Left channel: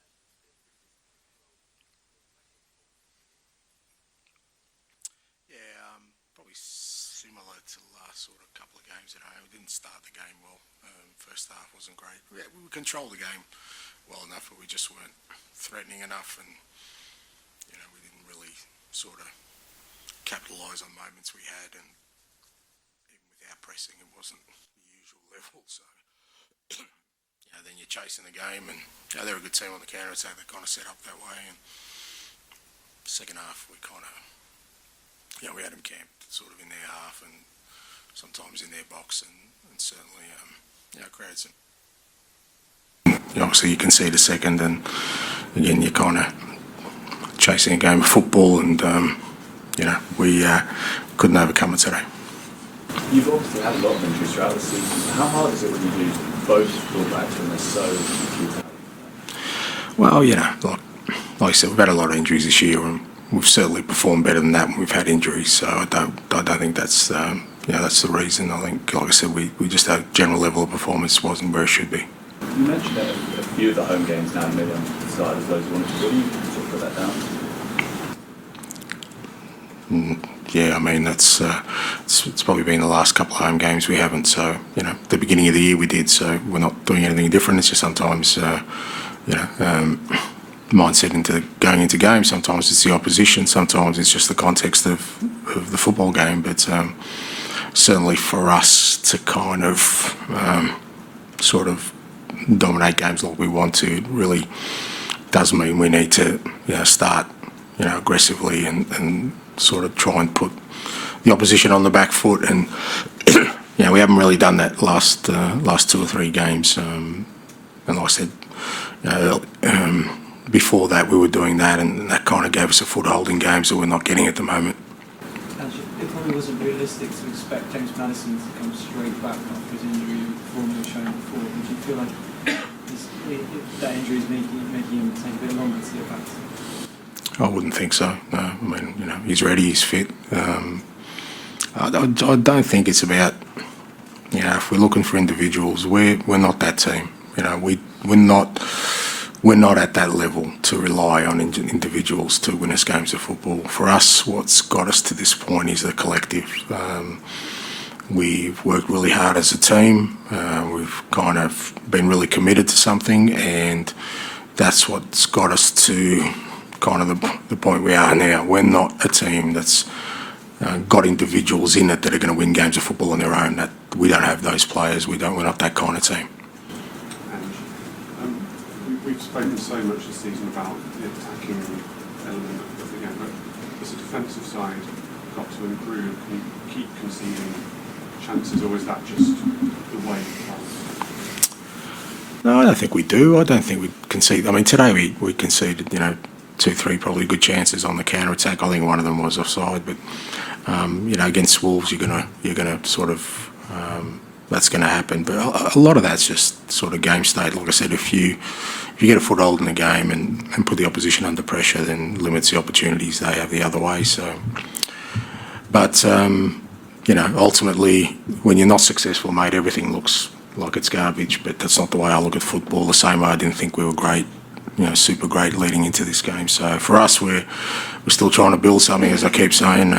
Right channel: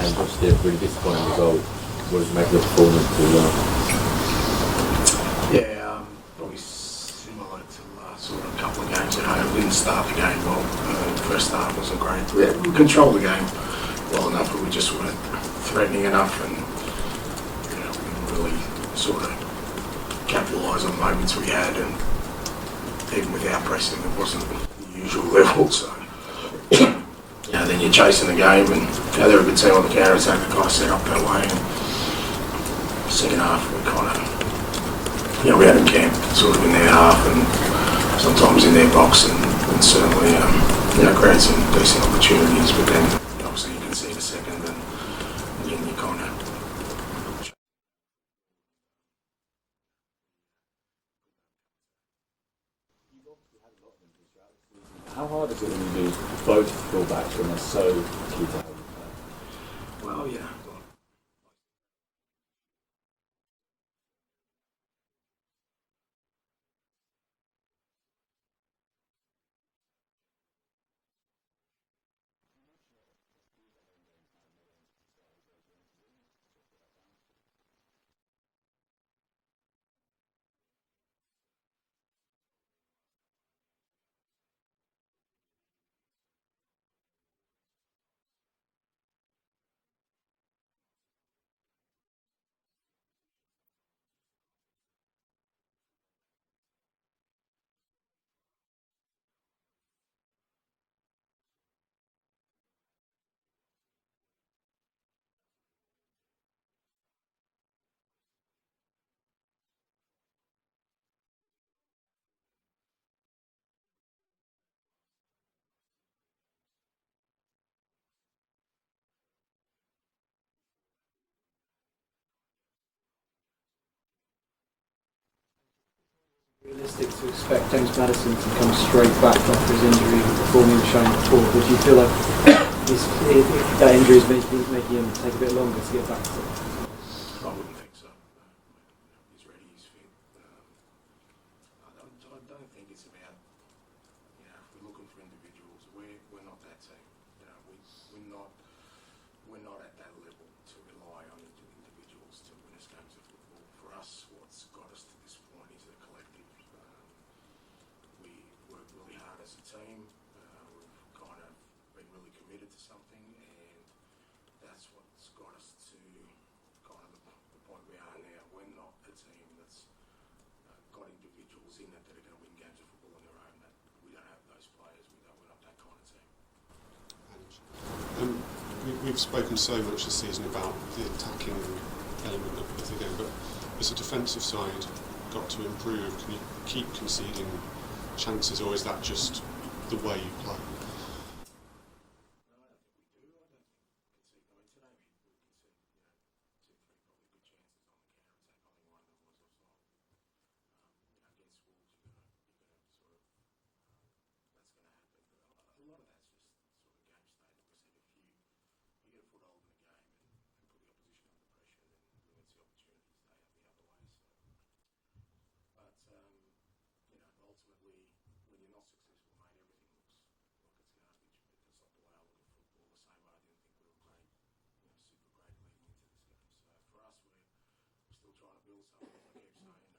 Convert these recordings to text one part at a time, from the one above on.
and obviously a really disappointing result. What did you make of the performance as well? Yeah, probably similar to the last sort of couple of games at home. We didn't start the game well. The first half wasn't great. We controlled the game well enough, but we just weren't threatening enough, and we didn't really sort of capitalise on moments we had, and even without pressing, it wasn't the usual level. So, then you're chasing the game, and they're a good team on the counter attack. The guys set up that way. And second half, we kind of, we had them camped sort of in their half, and sometimes in their box, and certainly, created some decent opportunities. But then, obviously, you concede a second, and again, you're kind of chasing a game of football, and we couldn't overcome it today. You've obviously had a lot of injuries throughout the season. How hard is it when you lose both fullbacks and they're so key to have? Well, like I said, we've had a lot of injuries this year, and we've certainly performed better than that when we've had injuries. So I don't think that's that's the reason. I think, like I said, we just our general level of performance wasn't where it should be. You mentioned that a few of the home games now maybe on the side as those ones. What do you sort of put that down to? Yeah, I mean it's probably been the last couple of home games we haven't. So the beginning of the year we did. So we're not doing anything different. It's just sometimes mindset into going into games. Sometimes it's the opposition. Sometimes it's just the context of the football game. But certainly for us to kind of sort of dominate games like we want to, it really does mean we need to start aggressively and sort of try and put the opposition on the back foot, and we haven't really done that last 2 or 3 games, and like I said, before that we were doing that, and that kind of gave us a foothold in games that we're not getting at the moment. It probably wasn't realistic to expect James Maddison to come straight back after his injury and performing and showing before. But do you feel like that injury is making him take a bit longer to get back to it? I wouldn't think so. No, I mean, he's ready, he's fit. I don't think it's about, if we're looking for individuals, we're not that team. We're not at that level to rely on individuals to win us games of football. For us, what's got us to this point is the collective. We've worked really hard as a team. We've kind of been really committed to something, and that's what's got us to kind of the point we are now. We're not a team that's got individuals in it that are going to win games of football on their own. That we don't have those players. We're not that kind of team. We've spoken so much this season about the attacking element of the game, but as a defensive side got to improve? Can you keep conceding chances, or is that just the way you play? No, I don't think we do. I don't think we concede. I mean, today we conceded, 2, 3 probably good chances on the counter attack. I think one of them was offside, but against Wolves, you're gonna sort of that's going to happen. But a lot of that's just sort of game state. Like I said, if you get a foothold in the game and put the opposition under pressure, then limits the opportunities they have the other way. So, but ultimately, when you're not successful, mate, everything looks like it's garbage. But that's not the way I look at football. The same way I didn't think we were great. Super great leading into this game. So for us, we're still trying to build something, as I keep saying,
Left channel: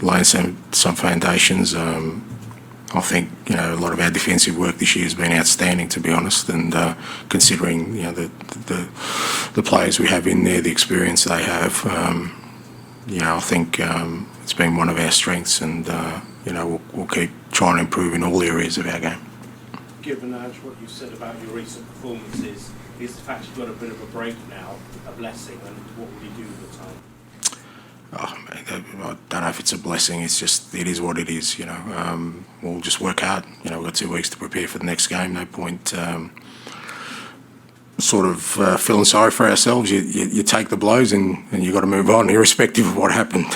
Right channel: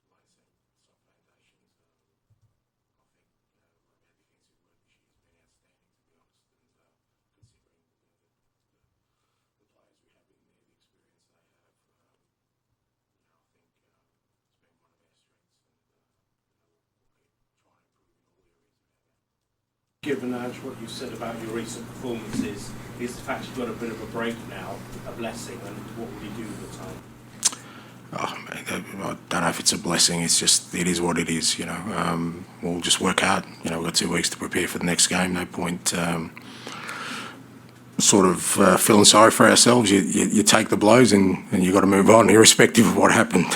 laying some foundations. I think a lot of our defensive work this year has been outstanding, to be honest. And considering the players we have in there, the experience they have, I think it's been one of our strengths, and we'll keep trying to improve in all areas of our game. Given what you said about your recent performances, is the fact you've got a bit of a break now a blessing, and what will you do with the time? I don't know if it's a blessing. It's just, it is what it is. We'll just work hard. We've got 2 weeks to prepare for the next game. No point feeling sorry for ourselves. You take the blows and you've got to move on, irrespective of what happened.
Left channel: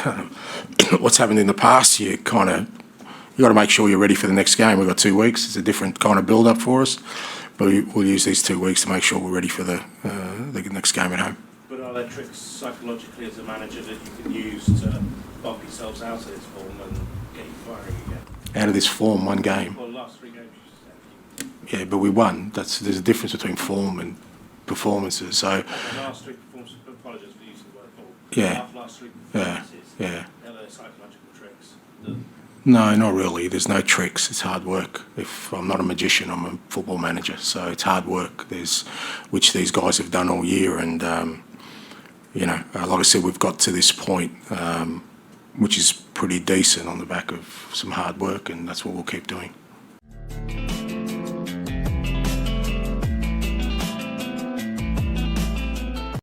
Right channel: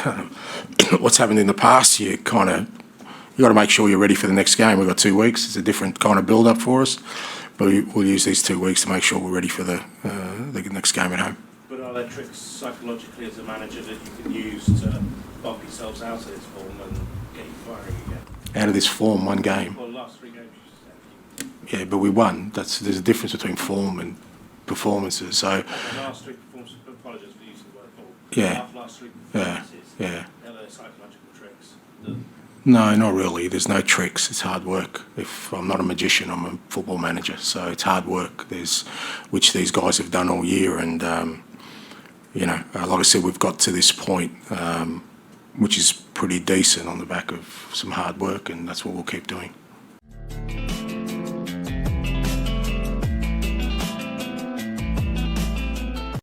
What's happened in the past, you got to make sure you're ready for the next game. We've got 2 weeks. It's a different kind of build-up for us. But we'll use these 2 weeks to make sure we're ready for the next game at home. But are there tricks psychologically as a manager that you can use to bump yourselves out of this form and get you firing again? Out of this form, 1 game. Well, last 3 games you said. Yeah, but we won. There's a difference between form and performances. So The last three performances, apologies for using the word ball. Yeah. Last three Yeah, performances, yeah. there were psychological tricks. That No, not really. There's no tricks. It's hard work. If I'm not a magician, I'm a football manager. So it's hard work. Which these guys have done all year, and like I said, we've got to this point, which is pretty decent on the back of some hard work, and that's what we'll keep doing.